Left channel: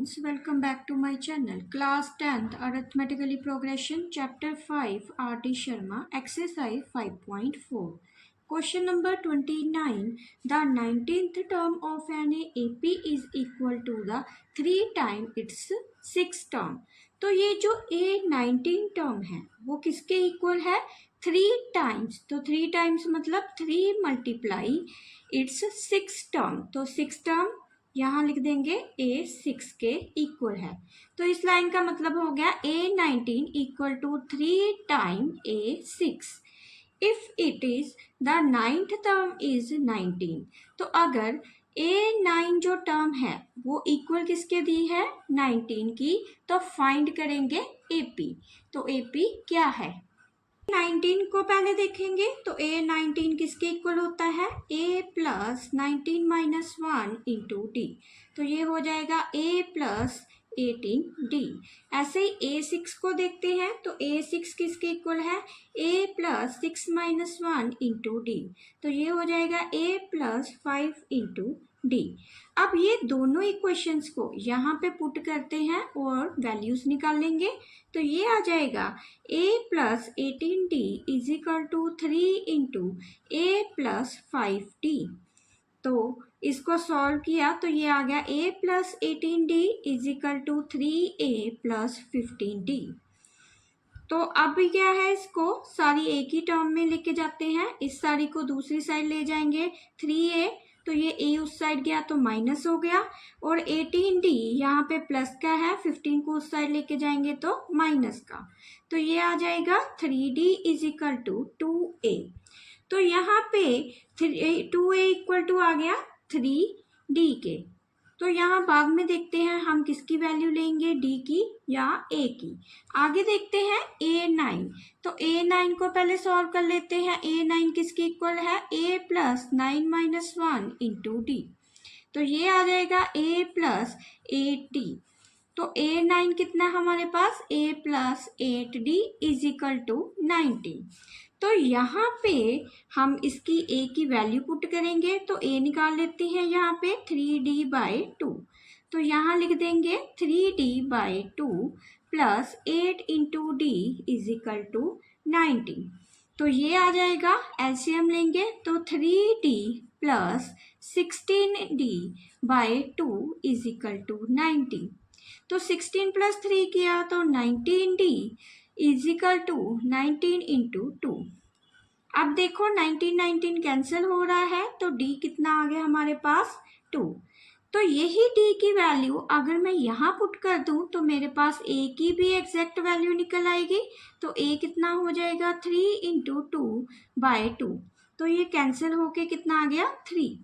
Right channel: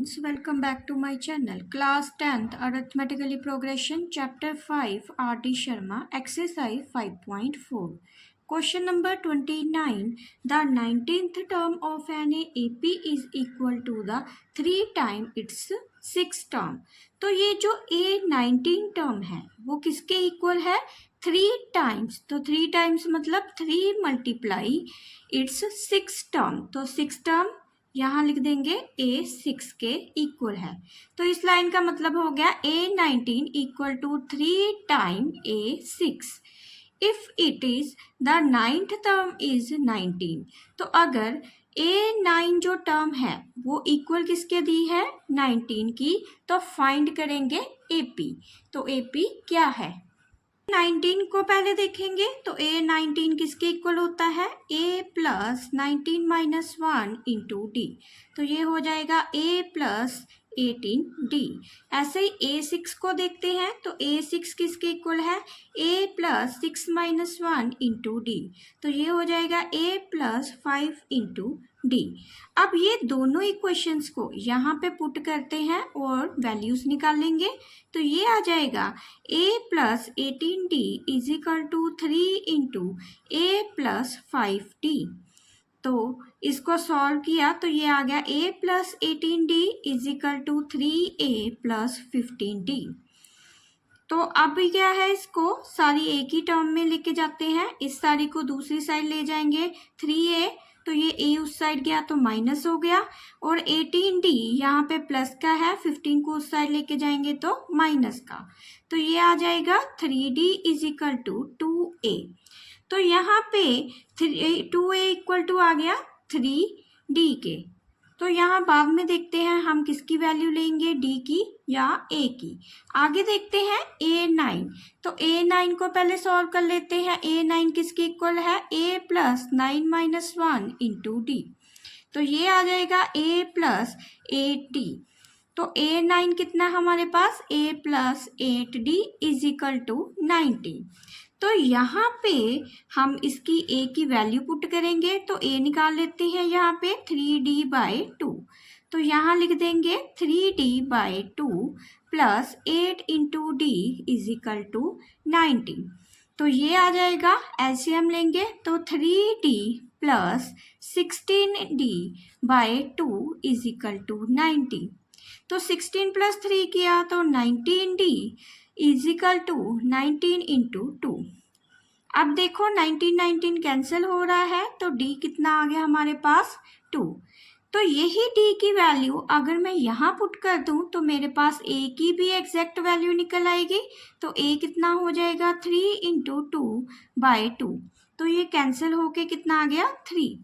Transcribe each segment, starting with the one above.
Welcome back to my channel. Class 10th Arithmetically Progression Chapter 5 R.D. Sharma Exercise 5.4 Question number 29. The 19th term of an AP is equal to the 3 times its 6 term. तो ये जो A19 term है वो किसके equal है? 3 times. तो 3 times मतलब 3 multiply it's 6 term. तो 6 टर्म यहाँ लिख देंगे A6 के इक्वल है. तो इस लाइन का मतलब हो गया A19 equal to 3 time A6 if it is the 9th term is 19. तो अगर A9 जो टर्म है वो इक्वल किसके दी है? 19 की. तो फाइंड करेंगे AP. तो AP क्या है? 19 को पहले देखेंगे. तो A19 किसके इक्वल होता है? A plus 19 minus 1 into d. तो ये हो जाएगा A प्लस 18D. ऐसे ही A6 को देखते हैं. तो A6 किसके इक्वल है? A plus 6 minus 1 into d. तो ये हो जाएगा A प्लस 5 इंटू डी. अब ये दोनों इक्वेशंस को यहाँ पे पुट करते हैं और वैल्यूज निकालेंगे. तो ये आ जाएगा A plus 18D is equal to 3 into A plus 5D. तो इसको सॉल्व किया तो ये आ गया A plus 18D is equal to 3A plus 15D. तो अब क्या है, इसको सारी एक ही टर्म में लेके जाते हैं. इस सारी को दूसरी साइड ले जाएंगे. 3A तो ये A उस साइड गया तो माइनस हो गया और 18D यहाँ पे प्लस का है, 15 को उस साइड लेके जाएंगे तो माइनस का. तो ये आ जाएगा 3D is equal to 2A. तो यहाँ पे 2A इक्वल टू आ गया 3D के. तो यहाँ बाद में देखते हैं हम किसकी वैल्यू लेंगे, D की या A की. आगे देखते हैं A9. तो A9 को पहले सॉल्व कर लेते हैं. A9 किसके इक्वल है? A plus 9 minus 1 into d. तो ये आ जाएगा A प्लस 8D. तो A9 कितना हमारे पास? A plus 8D is equal to 90. तो यहाँ पे हम इसकी A की वैल्यू पुट करेंगे. तो A निकाल लेते हैं यहाँ पे 3D बाई 2. तो यहाँ लिख देंगे 3D by 2 plus 8 into d is equal to 90. तो ये आ जाएगा, एलसीएम लेंगे तो 3D plus 16D by 2 is equal to 90. तो 16 प्लस 3 किया तो 19D is equal to 19 into 2. अब देखो 19 कैंसिल हो रहा है तो D कितना आ गया हमारे पास? 2. तो यही D की वैल्यू अगर मैं यहाँ पुट कर दूं तो मेरे पास A की भी एग्जैक्ट वैल्यू निकल आएगी. तो A कितना हो जाएगा? 3 इंटू 2 बाई 2. तो ये कैंसिल होके कितना आ गया? 3.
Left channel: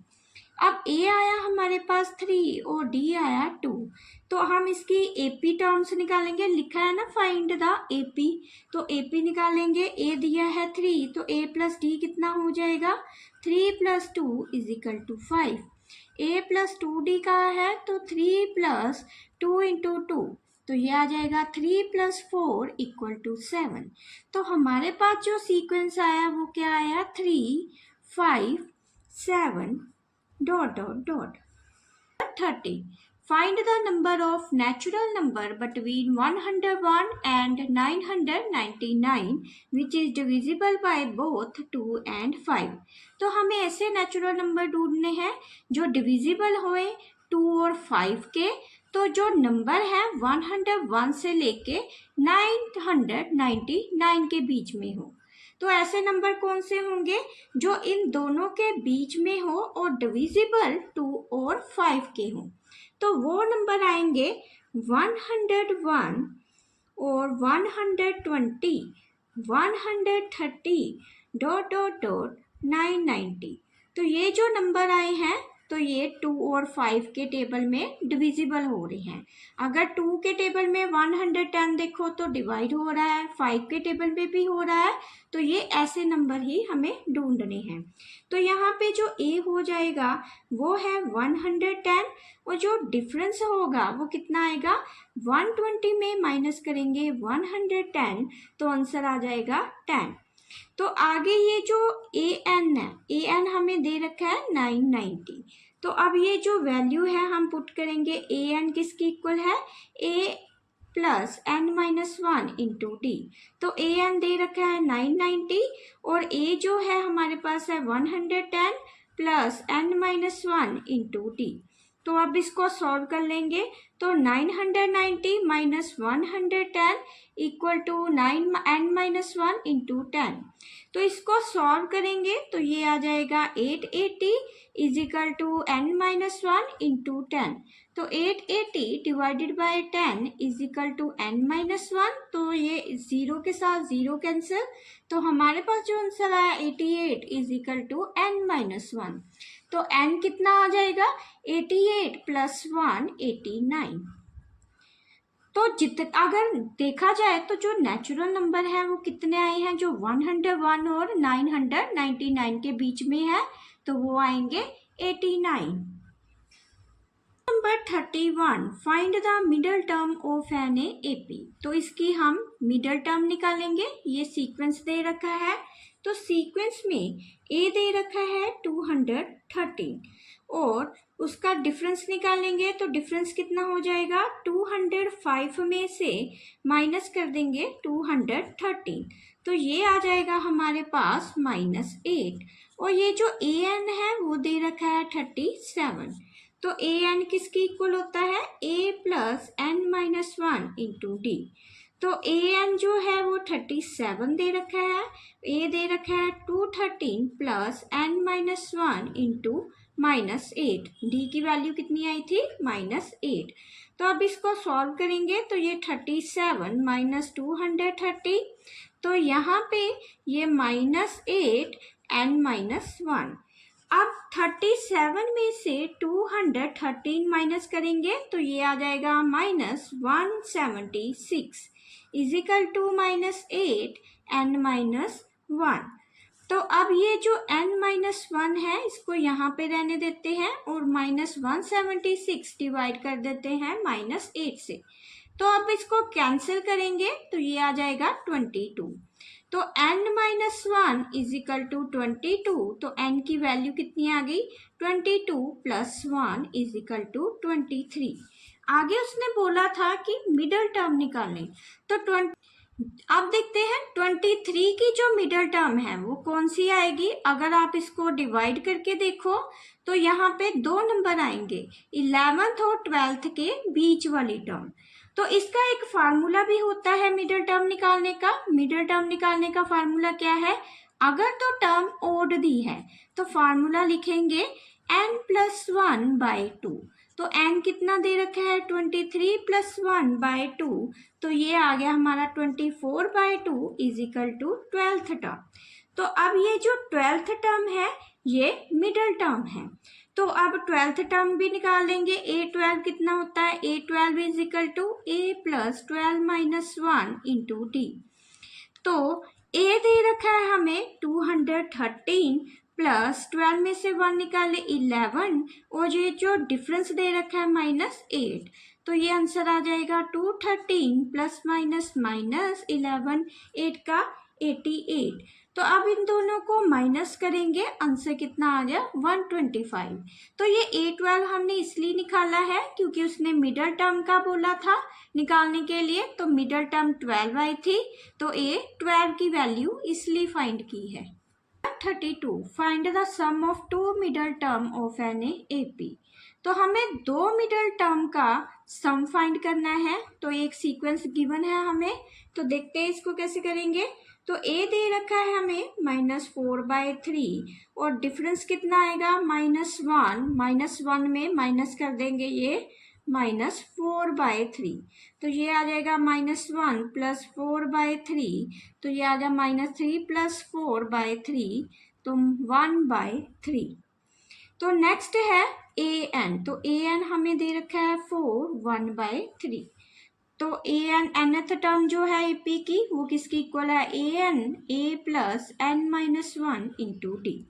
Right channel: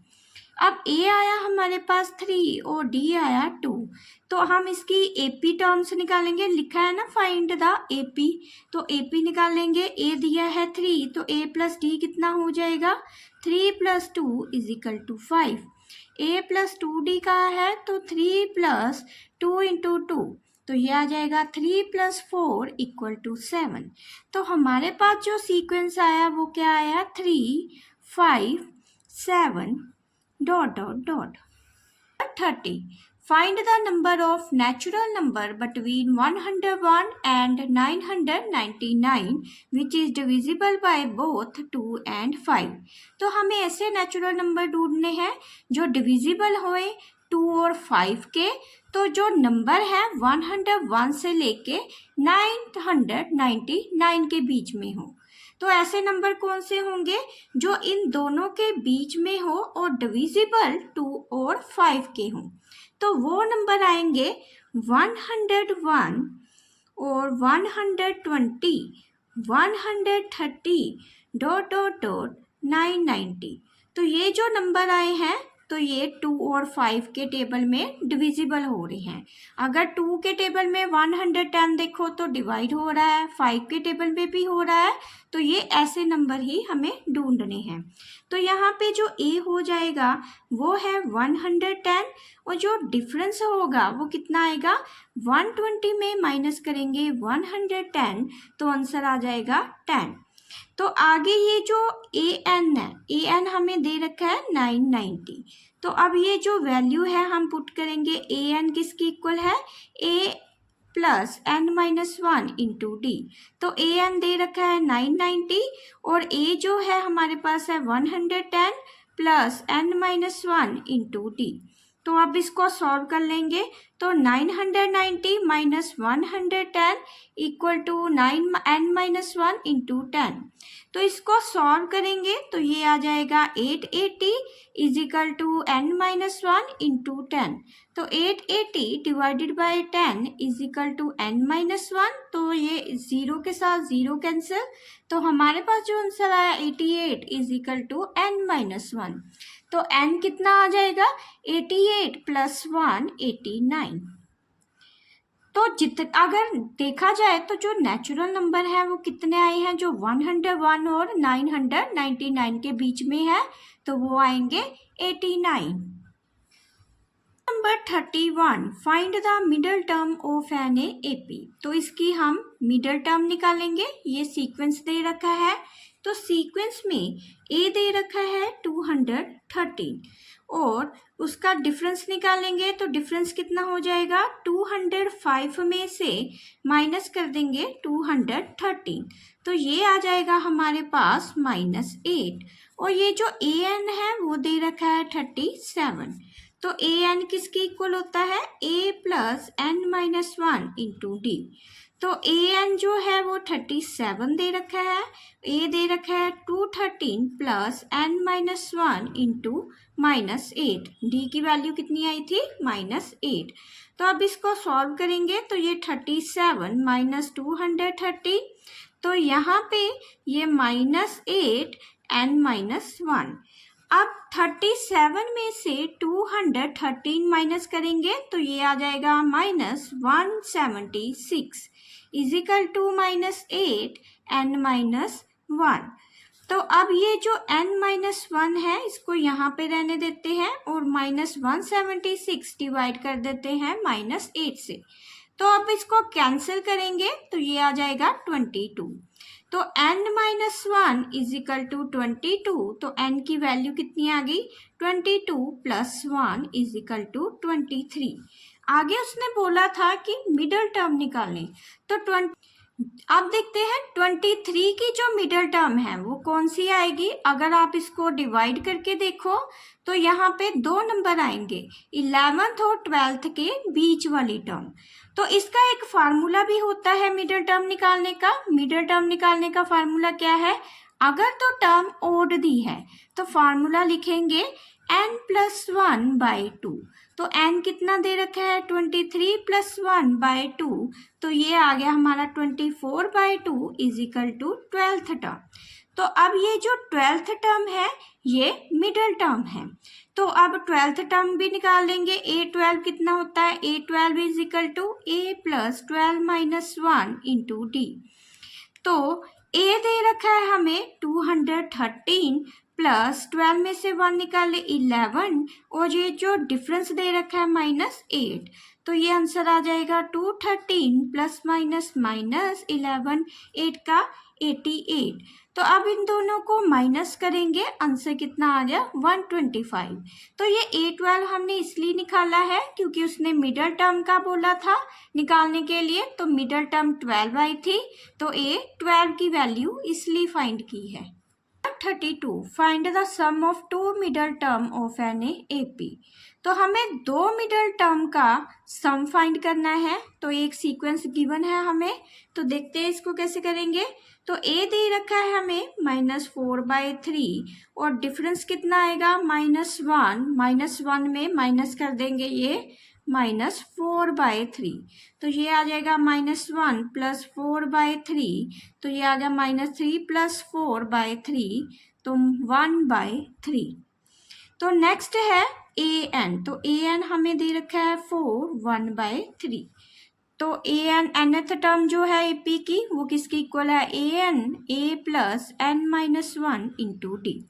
अब A आया हमारे पास 3 और D आया 2. तो हम इसकी AP टर्म्स निकालेंगे. लिखा है ना फाइंड द AP. तो AP निकालेंगे. A दिया है 3 तो A प्लस D कितना हो जाएगा? 3 plus 2 is equal to 5. A plus 2D का है तो 3 प्लस 2 इंटू 2. तो ये आ जाएगा 3 प्लस 4 इक्वल टू 7. तो हमारे पास जो सीक्वेंस आया वो क्या आया? 3, 5, 7 dot dot dot. 30. Find the number of natural number between 101 and 999 which is divisible by both 2 and 5. तो हमें ऐसे नेचुरल नंबर ढूंढने हैं जो डिविजिबल होए 2 और 5 के. तो जो नंबर है 101 से लेके 999 के बीच में हो. तो ऐसे नंबर कौन से होंगे जो इन दोनों के बीच में हो और डिविजिबल 2 और 5 के हों. तो वो नंबर आएंगे 101 और 120, 130 डॉट डॉट डॉट 990. तो ये जो नंबर आए हैं तो ये 2 और 5 के टेबल में डिविजिबल हो रहे हैं. अगर 2 के टेबल में 110 देखो तो डिवाइड हो रहा है, 5 के टेबल में भी हो रहा है. तो ये ऐसे नंबर ही हमें ढूंढने हैं. तो यहाँ पे जो A हो जाएगा वो है 110 और जो डिफरेंस होगा वो कितना आएगा? 120 में माइनस करेंगे 110 तो आंसर आ जाएगा 10. तो आगे ये जो AN है, AN हमें दे रखा है 990. तो तो अब ये जो वैल्यू है हम पुट करेंगे, ए एन किसकी इक्वल है, a plus n minus one into d. तो ए एन दे रखा है 990 और ए जो है हमारे पास है 110 plus n minus one into d. तो अब इसको सॉल्व कर लेंगे, तो 990 minus 110 equal to 9 n minus one into 10। तो इसको सॉल्व करेंगे तो ये आ जाएगा 880 is equal to n minus one into 10। तो 880 divided by 10 is equal to n minus one. तो ये जीरो के साथ जीरो कैंसिल, तो हमारे पास जो आंसर आया 88 is equal to n minus one. तो n कितना आ जाएगा, 88 प्लस 1 89। तो अगर देखा जाए तो जो नेचुरल नंबर है वो कितने आए हैं, जो 101 और 999 के बीच में है, तो वो आएंगे 89। Number 31, find the middle term of an AP. तो इसकी हम मिडल टर्म निकालेंगे। ये सीक्वेंस दे रखा है, तो सीक्वेंस में ए दे रखा है 213 और उसका डिफरेंस निकालेंगे तो डिफरेंस कितना हो जाएगा, 205 में से माइनस कर देंगे 213, तो ये आ जाएगा हमारे पास -8। और ये जो ए एन है वो दे रखा है 37। तो ए एन किसके इक्वल होता है, a plus n minus one into d. तो ए एन जो है वो 37 दे रखा है, ए दे रखा है 213 plus n minus one into -8। D की वैल्यू कितनी आई थी, -8। तो अब इसको सॉल्व करेंगे तो ये 37 माइनस 230, तो यहाँ पे ये -8 एन माइनस वन। अब 37 में से 213 माइनस करेंगे तो ये आ जाएगा -176 is equal to -8 n minus one. तो अब ये जो n-1 है इसको यहाँ पे रहने देते हैं और -176 डिवाइड कर देते हैं -8 से। तो अब इसको कैंसिल करेंगे तो ये आ जाएगा 22। तो n-1 इज इक्वल टू 22, तो n की वैल्यू कितनी आ गई, 22 प्लस 1 इज इक्वल टू 23। आगे उसने बोला था कि मिडल टर्म निकालें, तो अब देखते हैं 23 की जो मिडल टर्म है वो कौन सी आएगी। अगर आप इसको डिवाइड करके देखो तो यहाँ पे दो नंबर आएंगे, 11th और 12th के बीच वाली टर्म। तो इसका एक फार्मूला भी होता है मिडल टर्म निकालने का। मिडल टर्म निकालने का फार्मूला क्या है, अगर तो टर्म ओड दी है तो फार्मूला लिखेंगे n+1/2। तो n कितना दे रखा है, 23 प्लस 1/2, तो ये आ गया हमारा 24/2 is equal to 12th term. तो अब ये जो 12th टर्म है ये मिडल टर्म है, तो अब 12th टर्म भी निकाल लेंगे। a12 कितना होता है, a12 is equal to a plus 12 minus 1 into d. तो a दे रखा है हमें 213 प्लस 12 में से 1 निकाले 11 और ये जो डिफरेंस दे रखा है -8, तो ये आंसर आ जाएगा 213 प्लस माइनस -11, 8 का 88। तो अब इन दोनों को माइनस करेंगे, आंसर कितना आ गया 125। तो ये a12 हमने इसलिए निकाला है क्योंकि उसने मिडल टर्म का बोला था निकालने के लिए, तो मिडल टर्म 12 आई थी, तो a12 की वैल्यू इसलिए फाइंड की है। 32, find the sum of two middle term of an AP. तो हमें दो मिडल टर्म का सम फाइंड करना है। तो एक सीक्वेंस गिवन है हमें, तो देखते हैं इसको कैसे करेंगे। तो a दे रखा है हमें -4/3 और डिफरेंस कितना आएगा -1, -1 में माइनस कर देंगे ये -4/3, तो ये आ जाएगा -1 प्लस 4/3, तो ये आ गया -3 प्लस 4/3, तो 1/3। तो नेक्स्ट है an, तो an हमें दे रखा है 4, 1/3। तो an nth टर्म जो है AP की वो किसकी इक्वल है, an a plus n-1 into d.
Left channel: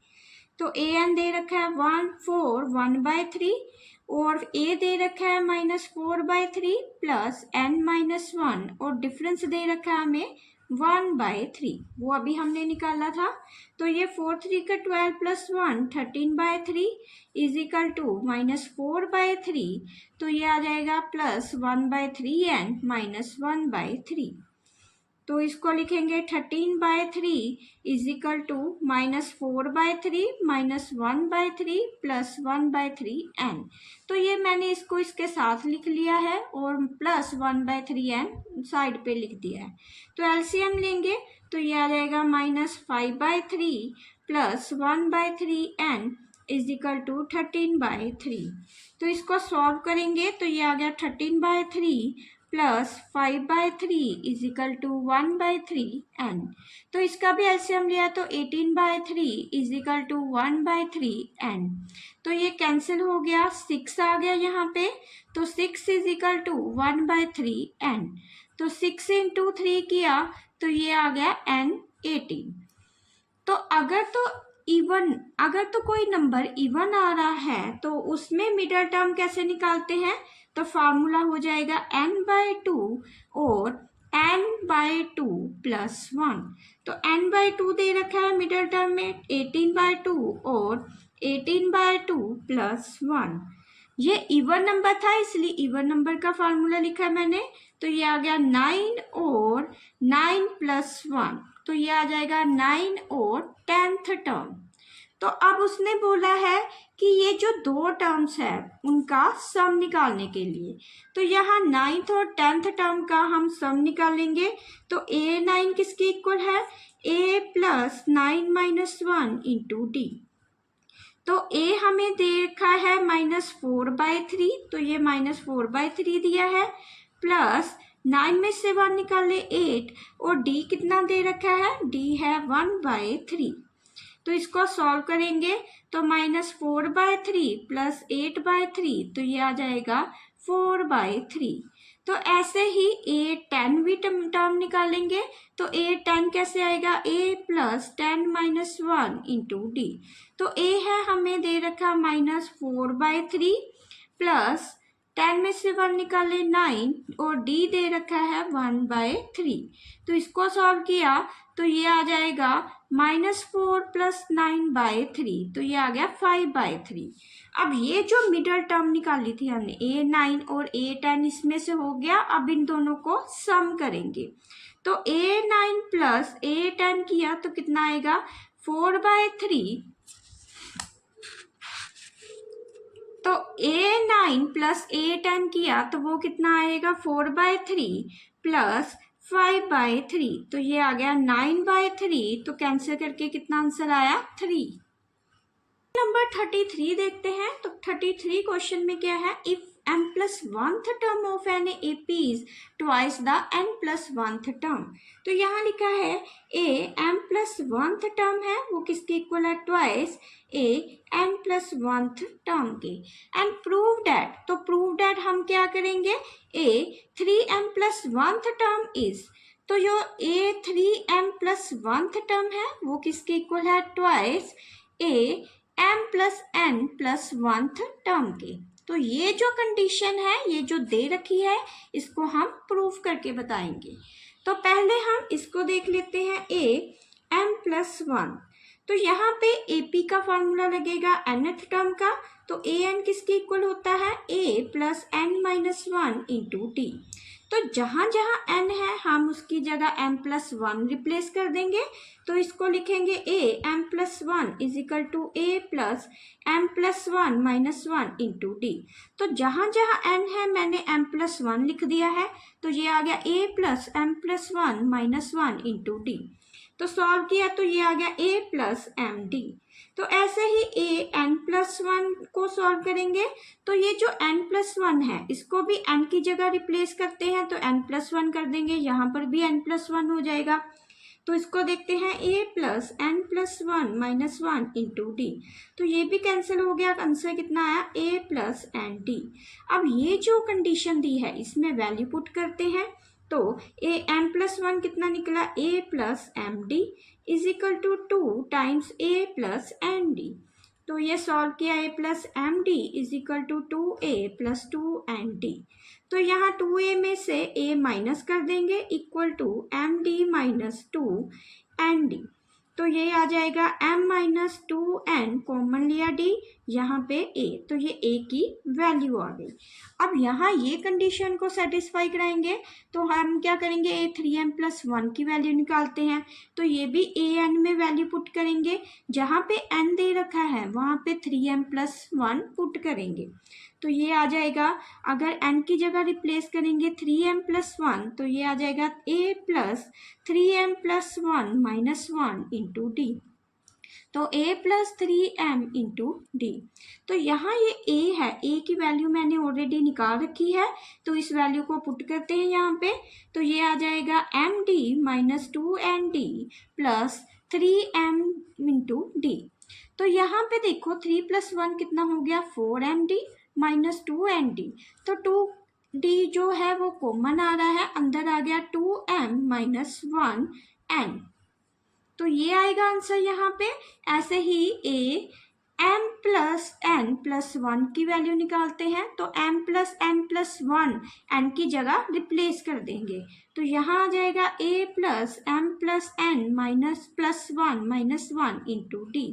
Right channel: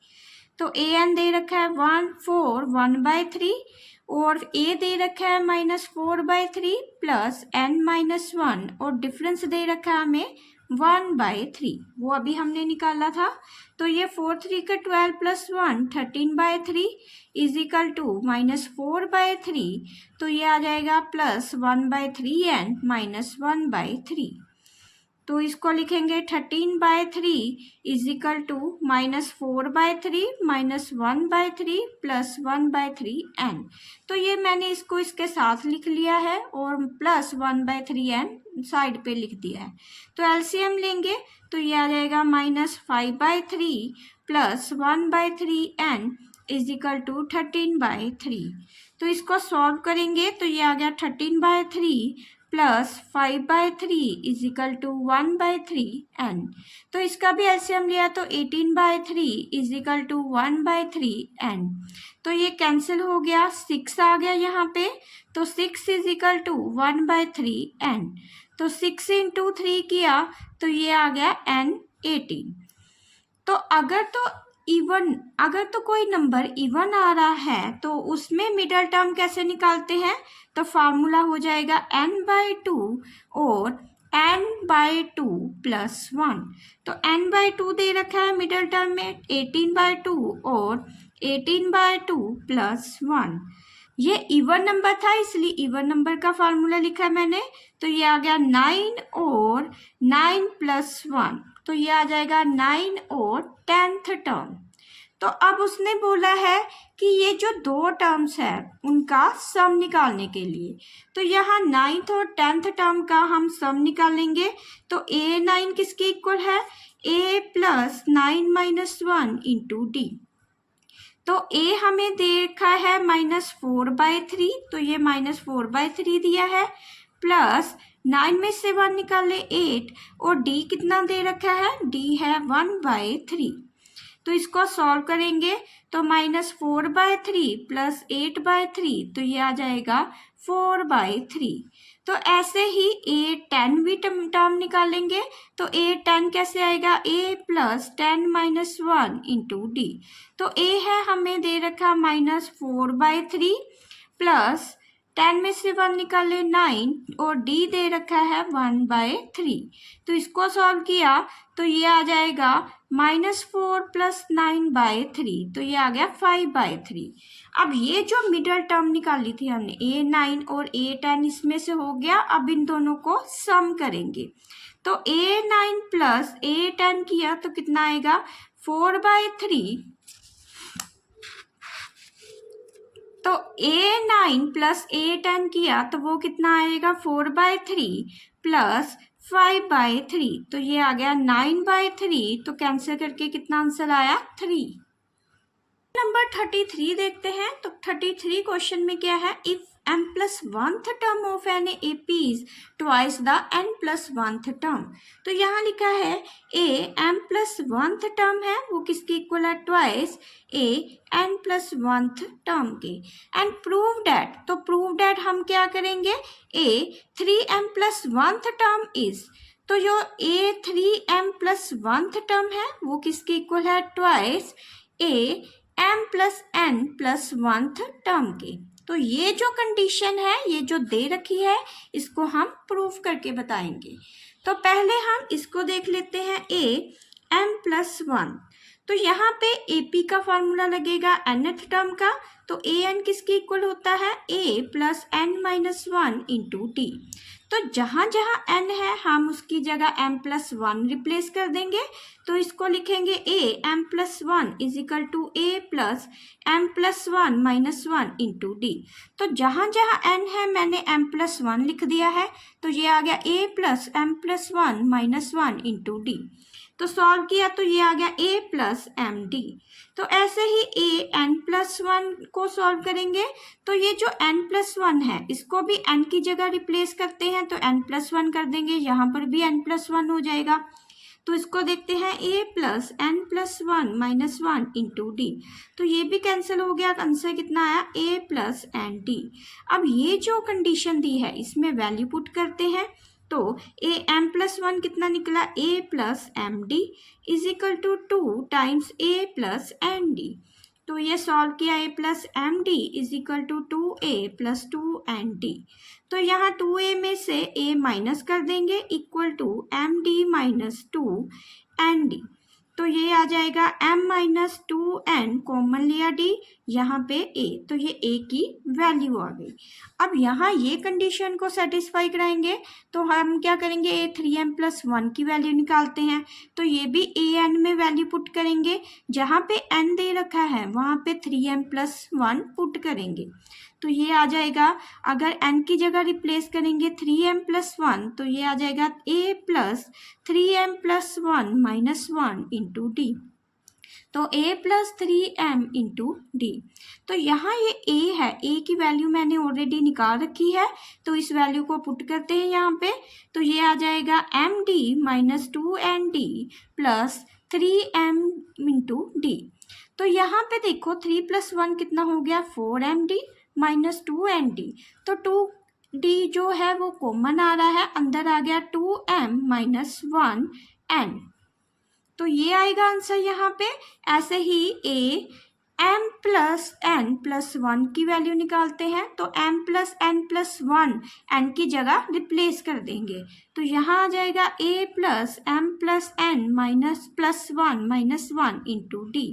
तो an दे रखा है 4, 1/3 और a दे रखा है -4/3 प्लस n-1 और डिफरेंस दे रखा है हमें 1/3, वो अभी हमने निकाला था। तो ये 4 3 का 12 + 1 13/3 इज इक्वल टू -4/3, तो ये आ जाएगा +1/3 एंड -1/3। तो इसको लिखेंगे 13/3 इज इक्वल टू -4/3 -1/3 +1/3 n। तो ये मैंने इसको इसके साथ लिख लिया है और +1/3 n साइड पे लिख दिया है। तो एलसीएम लेंगे तो ये आ जाएगा -5/3 +1/3 n इज इक्वल टू 13/3। तो इसको सॉल्व करेंगे तो ये आ गया 13/3 +5/3 इज इक्वल टू 1/3 n। तो इसका भी एलसीएम लिया तो 18/3 इज इक्वल टू 1/3 n। तो ये कैंसिल हो गया, 6 आ गया यहाँ पे, तो 6 इज इक्वल टू 1/3 n। तो 6 इंटू 3 किया तो ये आ गया n 18। तो अगर तो कोई नंबर इवन आ रहा है तो उसमें मिडल टर्म कैसे निकालते हैं? तो फार्मूला हो जाएगा n/2 और n/2 + 1। तो n/2 दे रखा है मिडल टर्म में 18/2 और 18/2 + 1। ये इवन नंबर था इसलिए इवन नंबर का फार्मूला लिखा मैंने। तो ये आ गया 9 और 9 + 1, तो ये आ जाएगा 9 और 10th टर्म। तो अब उसने बोला है कि ये जो दो टर्म्स है उनका सम निकालने के लिए, तो यहाँ 9th और 10th टर्म का हम सम निकालेंगे। तो a9 किसके इक्वल है? a + 9 - 1 into d. तो a हमें देखा है -4/3, तो ये -4/3 दिया है, प्लस 9 में से 1 निकाले 8 और d कितना दे रखा है? d है 1/3। तो इसको सॉल्व करेंगे तो -4/3 + 8/3, तो ये आ जाएगा 4/3। तो ऐसे ही a10 भी टर्म निकालेंगे। तो a10 कैसे आएगा? a + 10 - 1 into d. तो a है हमें दे रखा -4/3 प्लस 10 में से 1 निकाले 9 और d दे रखा है 1/3। तो इसको सॉल्व किया तो ये आ जाएगा -4 + 9/3, तो ये आ गया 5/3। अब ये जो मिडल टर्म निकाली थी हमने a9 और a10 इसमें से हो गया। अब इन दोनों को सम करेंगे तो a9 + a10 किया तो कितना आएगा? 4/3। तो a9 + a10 किया तो वो कितना आएगा? 4/3 + 5/3, तो ये आ गया 9/3। तो कैंसिल करके कितना आंसर आया? 3। नंबर 33 देखते हैं। तो 33 क्वेश्चन में क्या है? If m + 1th term of an AP is twice the n + 1th term. तो यहाँ लिखा है a m + 1th टर्म है वो किसके इक्वल है? Twice a n + 1th term के। एंड प्रूव डैट, तो प्रूव डैट हम क्या करेंगे? a 3m + 1th term is, तो जो a 3m + 1th टर्म है वो किसके इक्वल है? Twice a m + n + 1th term के। तो ये जो कंडीशन है, ये जो दे रखी है, इसको हम प्रूफ करके बताएंगे। तो पहले हम इसको देख लेते हैं a m + 1। तो यहाँ पे AP का फॉर्मूला लगेगा nth टर्म का। तो an किसके इक्वल होता है? a + n - 1 into d. तो जहाँ जहाँ n है हम उसकी जगह m + 1 रिप्लेस कर देंगे। तो इसको लिखेंगे a m + 1 is equal to a + m + 1 - 1 into d. तो जहाँ जहाँ n है मैंने m + 1 लिख दिया है। तो ये आ गया a + m + 1 - 1 इंटू डी। तो सॉल्व किया तो ये आ गया a + md। तो ऐसे ही a n + 1 को सॉल्व करेंगे। तो ये जो n + 1 है इसको भी n की जगह रिप्लेस करते हैं तो n + 1 कर देंगे, यहाँ पर भी n + 1 हो जाएगा। तो इसको देखते हैं a + n + 1 - 1 इंटू डी। तो ये भी कैंसिल हो गया, आंसर कितना आया? a + nd। अब ये जो कंडीशन दी है इसमें वैल्यू पुट करते हैं। तो a m + 1 कितना निकला? a + md is equal to 2 times a + nd। तो ये सॉल्व किया a + md is equal to 2a + 2nd। तो यहाँ 2a में से a माइनस कर देंगे equal to m d minus 2 तो ये आ जाएगा m माइनस 2n कॉमन लिया d, यहाँ पे a, तो ये a की वैल्यू आ गई। अब यहाँ ये कंडीशन को सेटिस्फाई कराएंगे तो हम क्या करेंगे, a 3m प्लस 1 की वैल्यू निकालते हैं, तो ये भी an में वैल्यू पुट करेंगे, जहाँ पे n दे रखा है वहाँ पे 3m प्लस 1 पुट करेंगे, तो ये आ जाएगा, अगर n की जगह रिप्लेस करेंगे 3m प्लस 1 तो ये आ जाएगा a plus 3m plus 1 minus 1 into d, तो a plus 3m into d. तो यहाँ ये a है, a की वैल्यू मैंने ऑलरेडी निकाल रखी है, तो इस वैल्यू को पुट करते हैं यहाँ पे, तो ये आ जाएगा m d minus 2nd plus 3m into d. तो यहाँ पे देखो 3 प्लस 1 कितना हो गया, 4md माइनस 2nd, तो 2d जो है वो कॉमन आ रहा है, अंदर आ गया 2m माइनस 1n, तो ये आएगा आंसर यहाँ पे। ऐसे ही a m plus n plus 1 की वैल्यू निकालते हैं, तो m plus n plus 1 n की जगह रिप्लेस कर देंगे, तो यहाँ आ जाएगा a plus m plus n minus plus 1 minus 1 into d.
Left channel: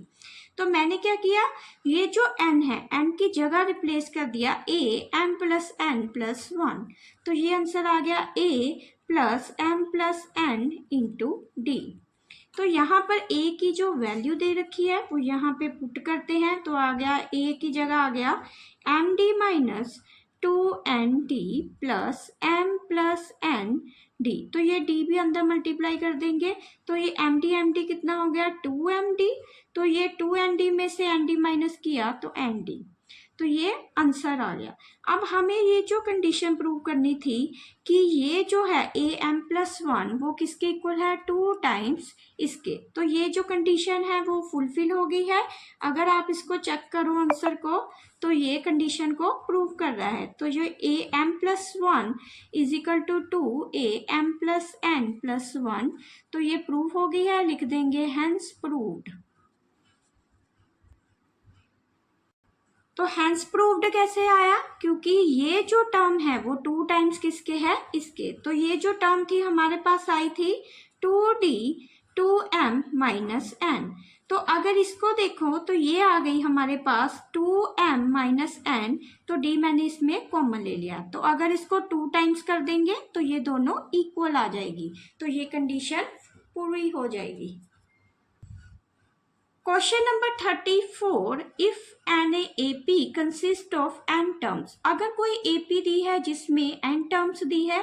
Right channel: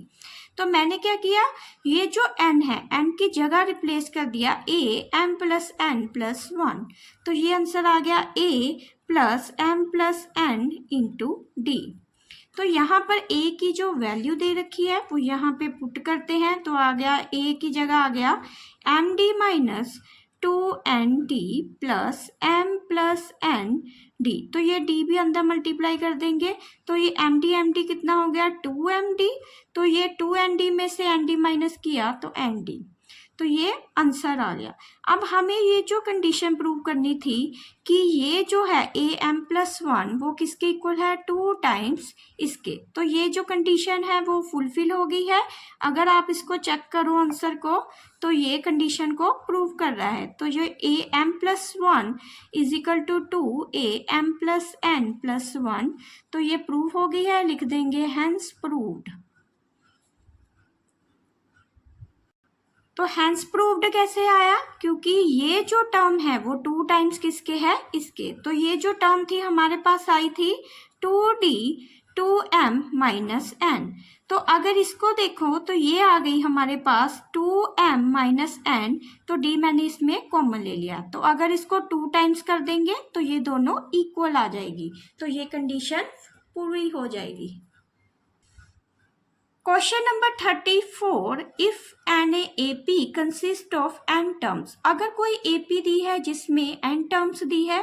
तो मैंने क्या किया, ये जो n है n की जगह रिप्लेस कर दिया a m plus n plus 1, तो ये आंसर आ गया a plus m plus n into d. तो यहाँ पर a की जो वैल्यू दे रखी है वो यहाँ पे पुट करते हैं, तो आ गया a की जगह आ गया m d minus 2nd plus m plus n d, तो ये d भी अंदर मल्टीप्लाई कर देंगे, तो ये एम डी कितना हो गया 2md, तो ये 2nd में से nd माइनस किया तो nd, तो ये आंसर आ गया। अब हमें ये जो कंडीशन प्रूव करनी थी कि ये जो है a m प्लस 1 वो किसके इक्वल है, 2 टाइम्स इसके, तो ये जो कंडीशन है वो फुलफिल हो गई है। अगर आप इसको चेक करो आंसर को, तो ये कंडीशन को प्रूव कर रहा है, तो जो a m plus 1 is equal to 2 a m plus n plus 1, तो ये प्रूव हो गई है, लिख देंगे हैंस प्रूव्ड। तो हैंस प्रूव्ड कैसे आया, क्योंकि ये जो टर्म है वो 2 टाइम्स किसके है, इसके, तो ये जो टर्म थी हमारे पास आई थी 2d 2m माइनस n, तो अगर इसको देखो तो ये आ गई हमारे पास 2m माइनस n, तो d मैंने इसमें कॉमन ले लिया, तो अगर इसको 2 टाइम्स कर देंगे तो ये दोनों इक्वल आ जाएगी, तो ये कंडीशन पूरी हो जाएगी। Question number 34, if an AP consist of n terms, अगर कोई AP दी है जिसमें n टर्म्स दी है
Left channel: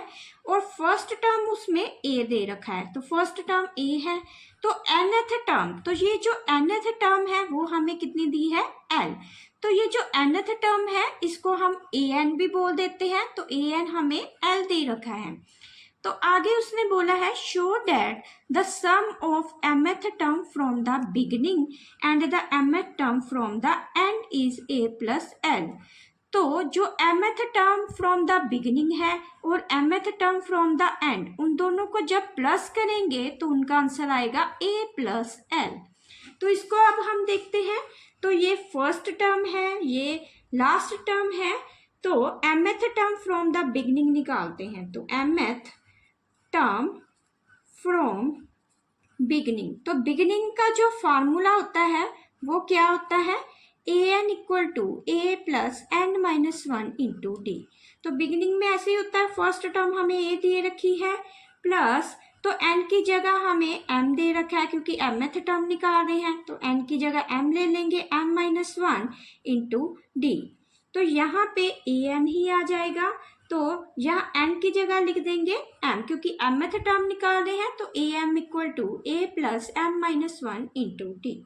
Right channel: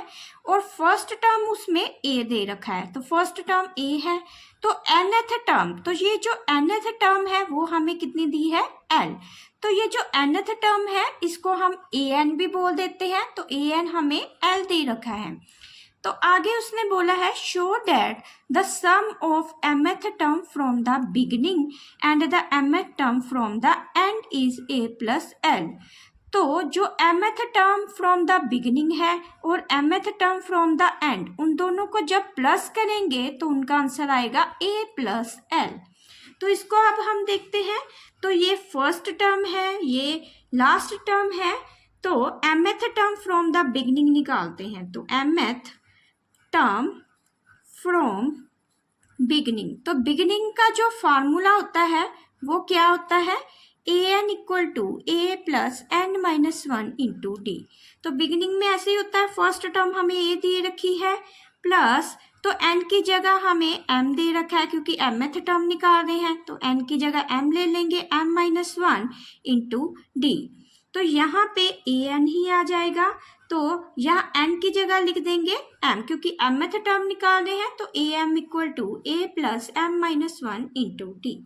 और फर्स्ट टर्म उसमें a दे रखा है, तो फर्स्ट टर्म a है, तो nth टर्म, तो ये जो nth टर्म है वो हमें कितनी दी है, l, तो ये जो nth टर्म है इसको हम an भी बोल देते हैं, तो an हमें l दे रखा है। तो आगे उसने बोला है show that the sum of mth term from the beginning and the mth term from the end is a plus l, तो जो mth term from the beginning है और mth term from the end, उन दोनों को जब plus करेंगे तो उनका आंसर आएगा a प्लस l। तो इसको अब हम देखते हैं, तो ये फर्स्ट टर्म है, ये लास्ट टर्म है, तो mth term from the beginning निकालते हैं, तो mth टर्म फ्रॉम बिगिनिंग, तो बिगिनिंग का जो फार्मूला होता है वो क्या होता है, an equal to a plus n minus 1 into d, तो बिगिनिंग में ऐसे ही होता है, फर्स्ट टर्म हमें a दे रखी है प्लस, तो n की जगह हमें m दे रखा है क्योंकि mth टर्म निकाल रहे हैं, तो n की जगह m ले लेंगे m माइनस 1 इंटू डी, तो यहाँ पे an ही आ जाएगा, तो यहाँ n की जगह लिख देंगे m, क्योंकि mth टर्म निकाल रहे हैं, तो am equal to a plus m minus 1 into d.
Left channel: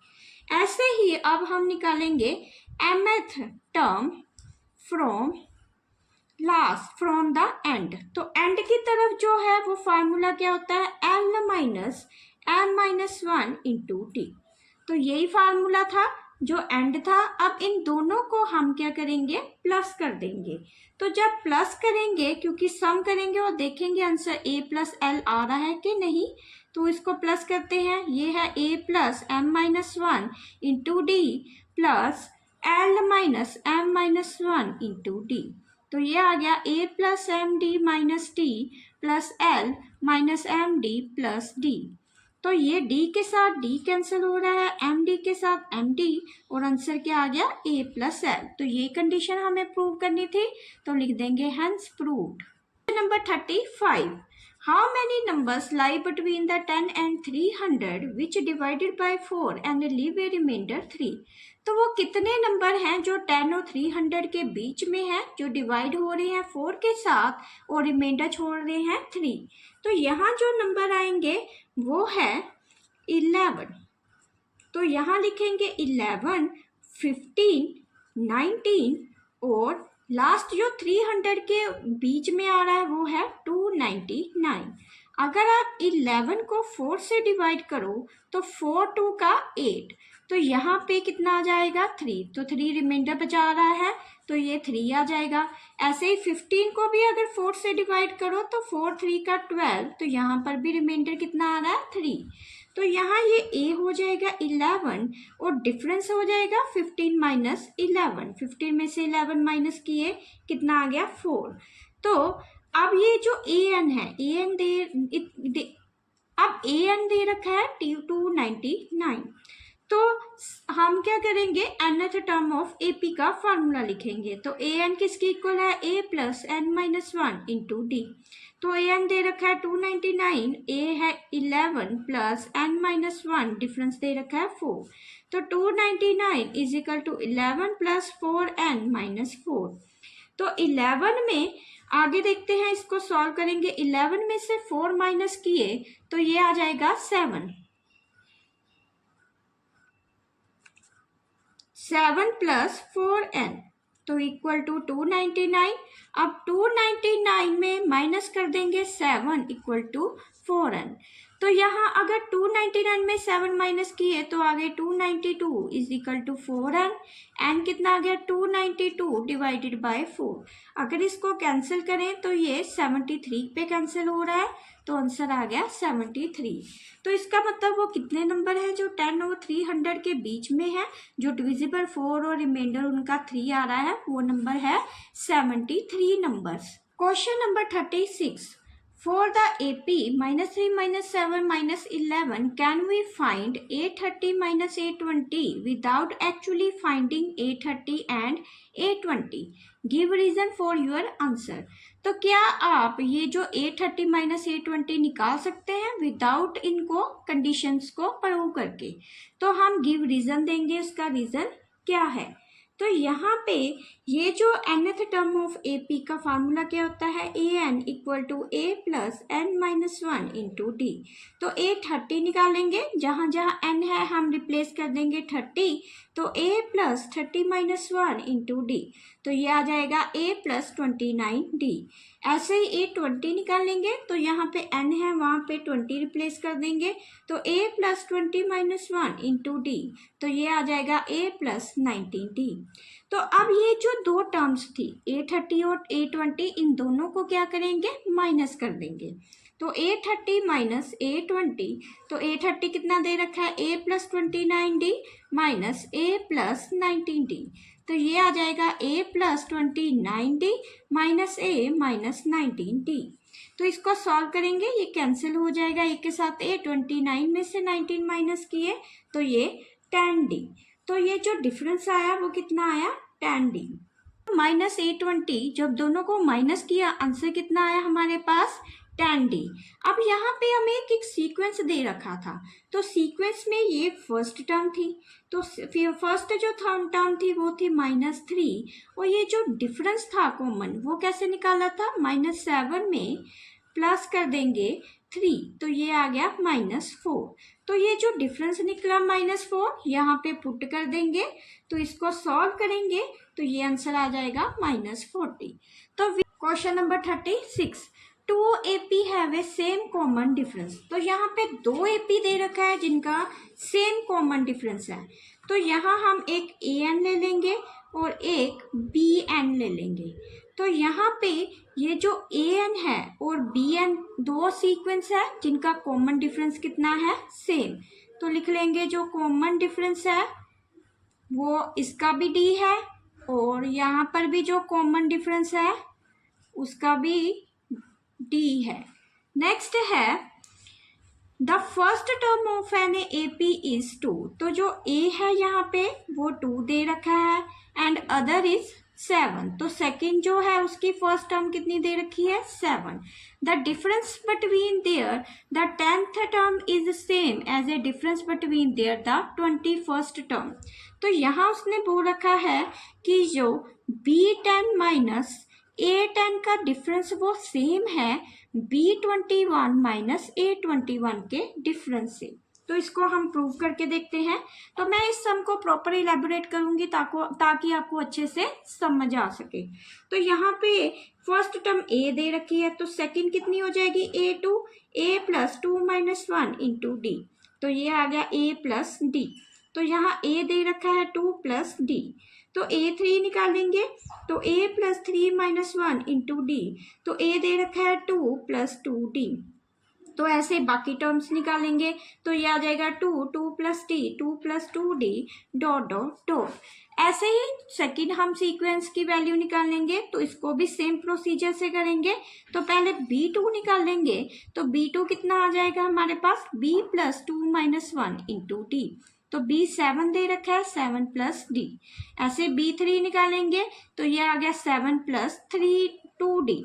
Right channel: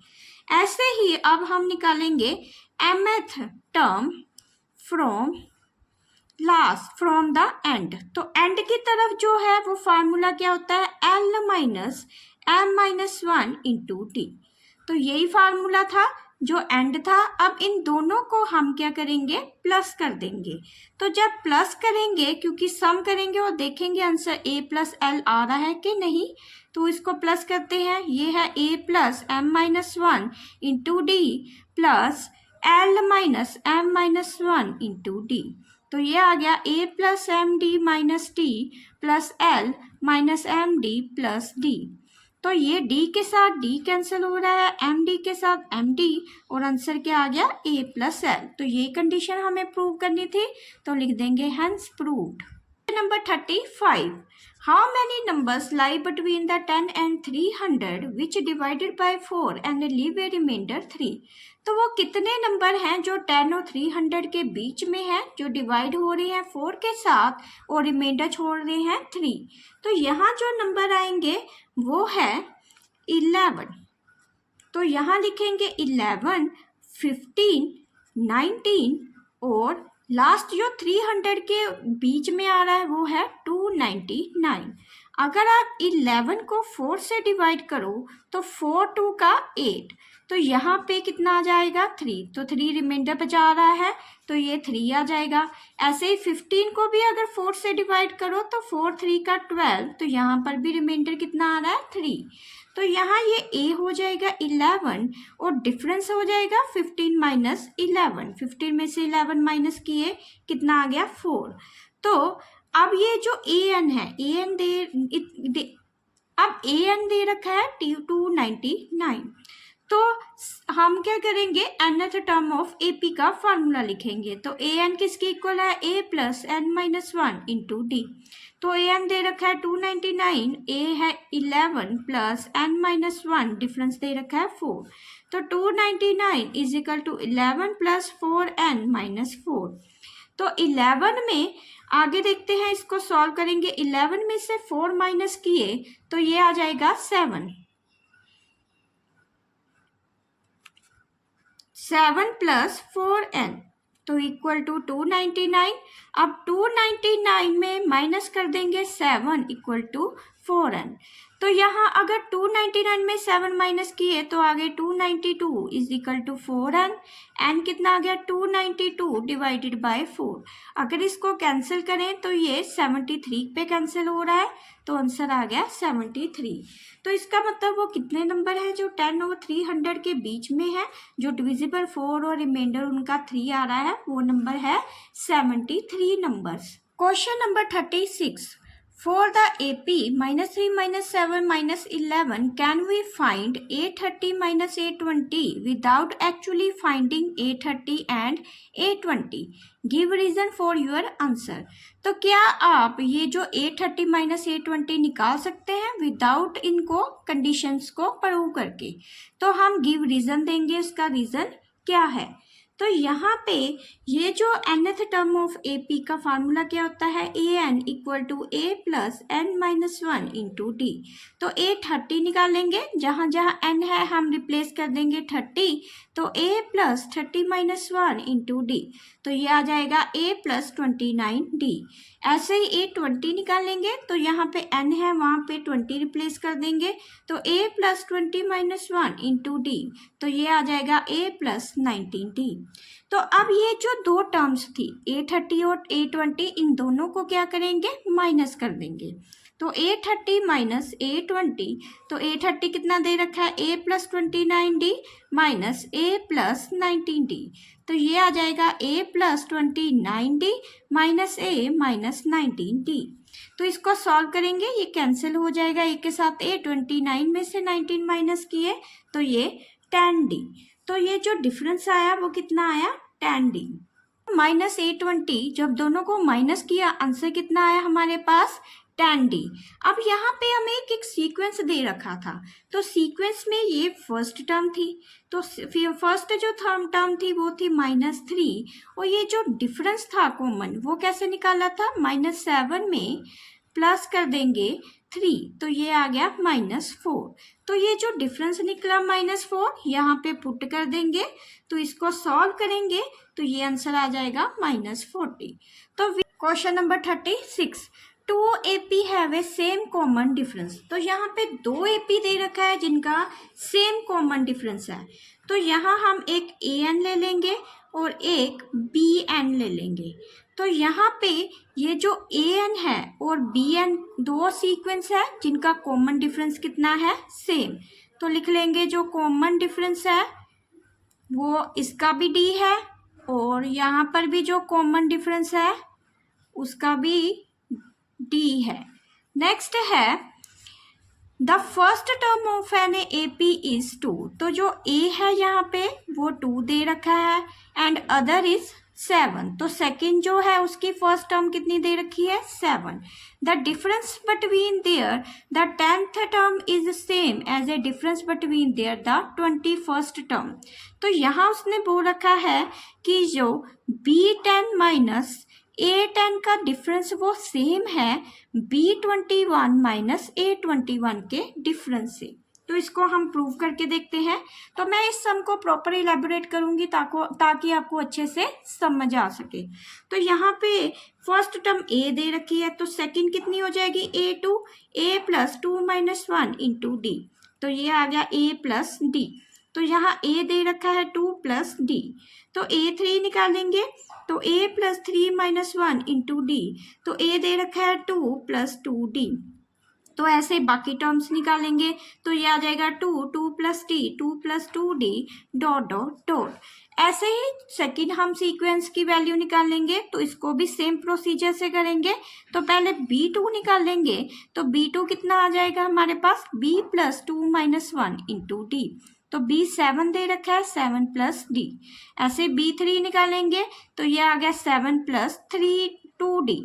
ऐसे ही अब हम निकालेंगे mth term from last from the end, तो एंड की तरफ जो है वो फार्मूला क्या होता है, l minus m minus 1 into d, तो यही फार्मूला था जो एंड था। अब इन दोनों को हम क्या करेंगे, प्लस कर देंगे, तो जब प्लस करेंगे क्योंकि सम करेंगे और देखेंगे आंसर a प्लस l आ रहा है कि नहीं, तो इसको प्लस करते हैं, ये है a plus m minus 1 into d plus l minus m minus 1 into d, तो ये आ गया a plus m d minus t plus l minus m d plus d. तो ये d के साथ d कैंसिल हो रहा है, md के साथ md, और आंसर क्या आ गया a प्लस एल। तो ये कंडीशन हमें प्रूव करनी थी, तो लिख देंगे hence proved. Number 35, how many numbers lie between the 10 and 300 which divided by 4 and leave a remainder 3। तो वो कितने नंबर हैं जो 10 और 300 के बीच में हैं, जो डिवाइड हो रहे हैं 4 के साथ और रिमाइंडर छोड़ रहे हैं 3। तो यहाँ जो नंबर आएंगे वो है 11। तो यहाँ लिखेंगे 11, 15, 19 और लास्ट जो 300 के बीच में आ रहा है वो है 299। अगर आप 11 को 4 से डिवाइड करो तो 4 2 का 8, तो यहाँ पे कितना आ जाएगा 3, तो 3 रिमाइंडर बचा रहा है तो ये 3 आ जाएगा। ऐसे ही 15 को भी अगर 4 से डिवाइड करो तो 4 3 का 12, तो यहाँ पर भी रिमाइंडर कितना आ रहा है 3। तो यहाँ ये a हो जाएगा 11 और डिफरेंस हो जाएगा 15 माइनस 11। 15 में से 11 माइनस किए कितना आ गया 4। तो अब ये जो an है, अब an दे रखा है 299। तो हम क्या करेंगे, nth टर्म ऑफ AP का फॉर्मूला लिखेंगे। तो an किसके इक्वल है, a plus n minus 1 into d. तो an दे रखा है 299, a है 11 प्लस n माइनस 1, डिफरेंस दे रखा है 4। तो 299 is equal to 11 plus 4n minus 4। तो 11 में आगे देखते हैं, इसको सॉल्व करेंगे। 11 में से 4 माइनस किए तो ये आ जाएगा 7 प्लस 4n, तो इक्वल टू 299। अब 299 में माइनस कर देंगे 7 इक्वल टू 4n। तो यहाँ अगर 299 में 7 माइनस किए तो आगे 292 is equal to 4n। n कितना आ गया 292 डिवाइडेड बाय 4। अगर इसको कैंसिल करें तो ये 73 पे कैंसिल हो रहा है, तो आंसर आ गया 73। तो इसका मतलब वो कितने नंबर हैं जो 10 और 300 के बीच में है, जो डिविजिबल 4 और रिमाइंडर उनका 3 आ रहा है, वो नंबर है 73 numbers. Question number 36, for the AP -3 -7 -11 can we find 830 -820 without actually finding 830 and 820? Give reason for your answer। तो क्या आप ये जो 830 -820 निकाल सकते हैं विदाउट इनको कंडीशंस को प्रूव करके? तो हम गिव रीजन देंगे, उसका रीजन क्या है। तो यहाँ पे ये जो nth टर्म ऑफ AP का फार्मूला क्या होता है, an equal to a plus n minus 1 into d. तो 830 निकालेंगे, जहाँ जहाँ n है हम रिप्लेस कर देंगे 30, तो a plus 30 minus 1 into d, तो ये आ जाएगा a प्लस 29d। ऐसे ही 820 निकालेंगे, तो यहाँ पे n है वहाँ पे 20 रिप्लेस कर देंगे, तो a plus 20 minus 1 into d, तो ये आ जाएगा a प्लस 19d। तो अब ये जो दो टर्म्स थी 830 और 820, इन दोनों को क्या करेंगे, माइनस कर देंगे। तो 830 माइनस 820, तो 830 कितना दे रखा है, a plus 29d minus a plus 19d, तो ये आ जाएगा a plus 29d minus a minus 19d। तो इसको सॉल्व करेंगे, ये कैंसिल हो जाएगा, एक के साथ a, 29 में से 19 माइनस किए तो ये 10d। तो ये जो डिफरेंस आया वो कितना आया, 10d माइनस 820। जब दोनों को माइनस किया आंसर कितना आया हमारे पास, 10d। अब यहाँ पे हमें एक सीक्वेंस दे रखा था, तो सीक्वेंस में ये फर्स्ट टर्म थी, तो फिर फर्स्ट जो टर्म थी वो थी -3, और ये जो डिफरेंस था कॉमन वो कैसे निकाला था, -7 में प्लस कर देंगे 3, तो ये आ गया -4। तो ये जो डिफरेंस निकला -4 यहाँ पे पुट कर देंगे, तो इसको सॉल्व करेंगे तो ये आंसर आ जाएगा -40। तो question number 36, 2 AP have a same common difference. तो यहाँ पे 2 AP दे रखा है जिनका सेम कॉमन डिफरेंस है, तो यहाँ हम एक AN ले लेंगे और एक BN ले लेंगे। तो यहाँ पे ये जो AN है और BN दो सीक्वेंस है जिनका कॉमन डिफरेंस कितना है, सेम। तो लिख लेंगे जो कॉमन डिफरेंस है वो इसका भी D है और यहाँ पर भी जो कॉमन डिफरेंस है उसका भी डी है। नेक्स्ट है the first term of an A P is 2। तो जो ए है यहाँ पे वो 2 दे रखा है एंड अदर इज 7। तो सेकंड जो है उसकी फर्स्ट टर्म कितनी दे रखी है 7। The difference between their the 10th term is same as a difference between their the 21st term. तो यहाँ उसने बोल रखा है कि जो B10 माइनस A10 का डिफरेंस वो सेम है B21 माइनस A21 के डिफरेंस से। तो इसको हम प्रूव करके देखते हैं। तो मैं इस सम को प्रॉपर इलेबोरेट करूंगी ताकि आपको अच्छे से समझ आ सके। तो यहाँ पे फर्स्ट टर्म A दे रखी है तो सेकंड कितनी हो जाएगी A2, A plus 2 minus 1 into d. तो ये आ गया A प्लस डी। तो यहाँ A दे रखा है 2 प्लस डी। तो A3 निकालेंगे तो A plus 3 minus 1 into d. तो A दे रखा है 2 प्लस 2D। तो ऐसे बाकी टर्म्स निकालेंगे तो ये आ जाएगा 2 plus D 2 plus 2D dot dot dot. ऐसे ही सेकंड हम सीक्वेंस की वैल्यू निकालेंगे तो इसको भी सेम प्रोसीजर से करेंगे। तो पहले B2 निकालेंगे तो B2 कितना आ जाएगा हमारे पास B plus 2 minus 1 into d. तो B7 दे रखा है 7 प्लस डी। ऐसे B3 निकालेंगे तो ये आ गया 7 प्लस 2D।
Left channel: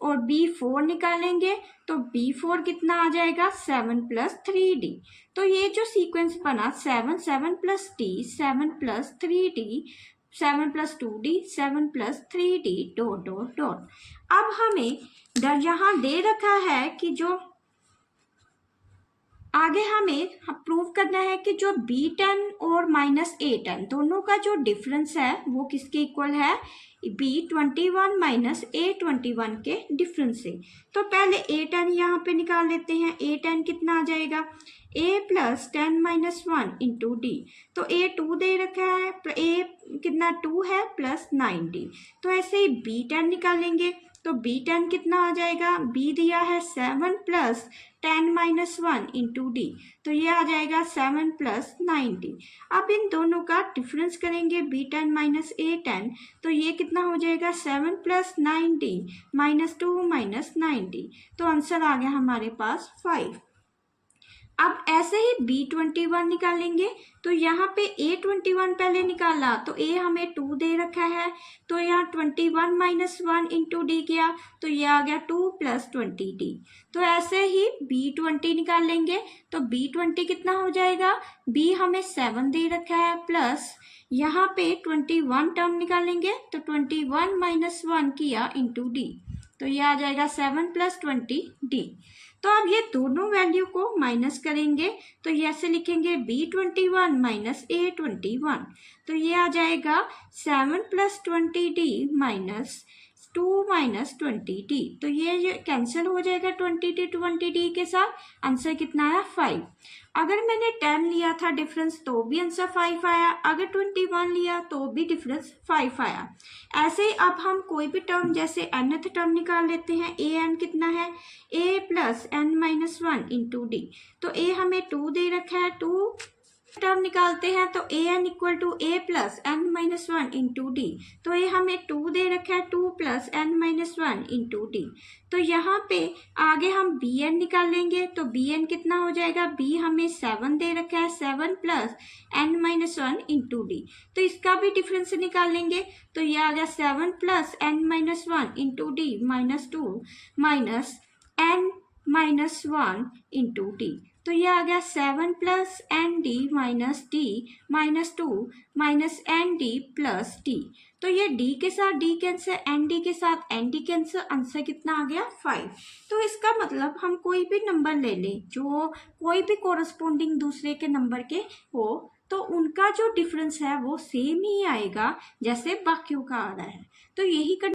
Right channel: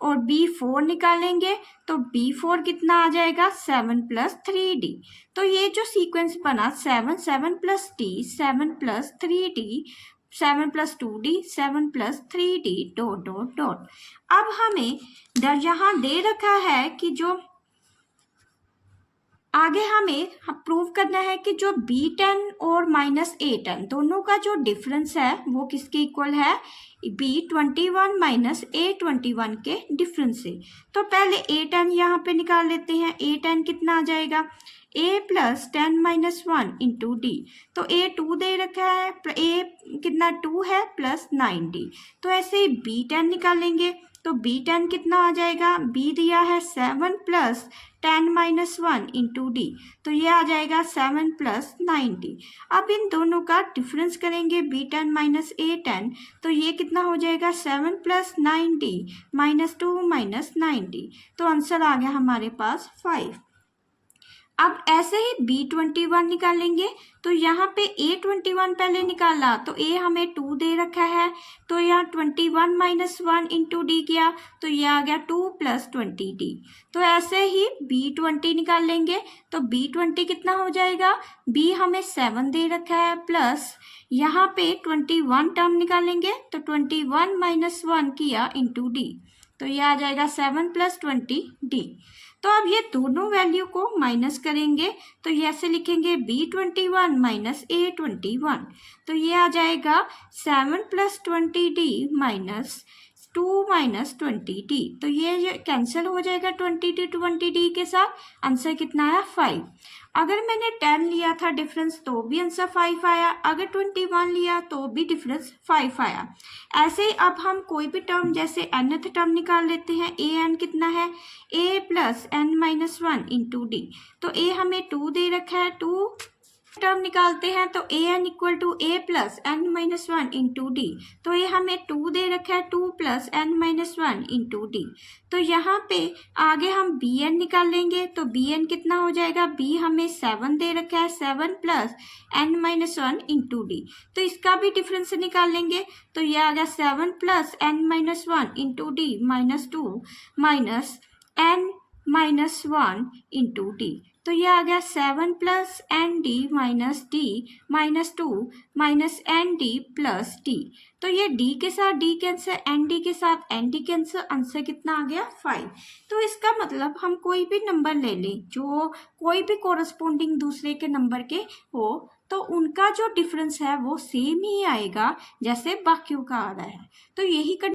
और B4 निकालेंगे तो B4 कितना आ जाएगा 7 प्लस 3D। तो ये जो सीक्वेंस बना 7 plus D 7 plus 3D 7 plus 2D 7 plus 3D dot dot dot. अब हमें यहाँ दे रखा है कि जो आगे हमें प्रूव करना है कि जो B10 और माइनस A10 दोनों का जो डिफरेंस है वो किसके इक्वल है B21 माइनस A21 के डिफरेंस से। तो पहले A10 यहाँ पे निकाल लेते हैं। A10 कितना आ जाएगा A plus 10 minus 1 into d. तो A2 दे रखा है A कितना 2 है प्लस 9D। तो ऐसे ही B10 निकालेंगे तो B10 कितना आ जाएगा B दिया है 7 प्लस 10 माइनस 1 इंटू डी। तो ये आ जाएगा 7 प्लस 9D। अब इन दोनों का डिफरेंस करेंगे B10 माइनस A10 तो ये कितना हो जाएगा 7 plus 9D minus 2 minus 9D। तो आंसर आ गया हमारे पास 5। अब ऐसे ही B21 निकालेंगे तो यहाँ पे A21 पहले निकाला तो A हमें 2 दे रखा है तो यहाँ 21 माइनस 1 इंटू डी किया तो ये आ गया 2 प्लस 20D। तो ऐसे ही B20 निकालेंगे तो B20 कितना हो जाएगा B हमें 7 दे रखा है प्लस यहाँ पे 21 टर्म निकालेंगे तो 21 माइनस 1 किया इंटू डी। तो ये आ जाएगा 7 प्लस 20D। तो अब ये दोनों वैल्यू को माइनस करेंगे तो ये ऐसे लिखेंगे B21 माइनस A21। तो ये आ जाएगा 7 plus 20D minus 2 minus 20D। तो ये कैंसिल हो जाएगा 20D के साथ। आंसर कितना आया 5। अगर मैंने 10 लिया था डिफरेंस तो भी आंसर 5 आया, अगर 21 लिया तो भी डिफरेंस 5 आया। ऐसे ही अब हम कोई भी टर्म जैसे nth टर्म निकाल लेते हैं। an कितना है a plus n minus 1 into d. तो a हमें 2 दे रखा है 2 टर्म निकालते हैं तो an equal to a plus n minus 1 into d. तो ये हमें 2 दे रखा है 2 plus n minus 1 into d. तो यहाँ पे आगे हम bn निकालेंगे तो bn कितना हो जाएगा b हमें 7 दे रखा है 7 plus n minus 1 into d. तो इसका भी डिफरेंस निकालेंगे तो ये आ गया 7 plus n minus 1 into d minus 2 minus n minus 1 into d. तो ये आ गया 7 plus n d minus 2 minus n d plus d. तो ये d के साथ d कैंसर एन डी के साथ एन डी कैंसर। आंसर कितना आ गया 5। तो इसका मतलब हम कोई भी नंबर ले लें जो कोई भी कोरस्पोंडिंग दूसरे के नंबर के हो तो उनका जो डिफरेंस है वो सेम ही आएगा जैसे बाकियों का आ रहा है। तो यही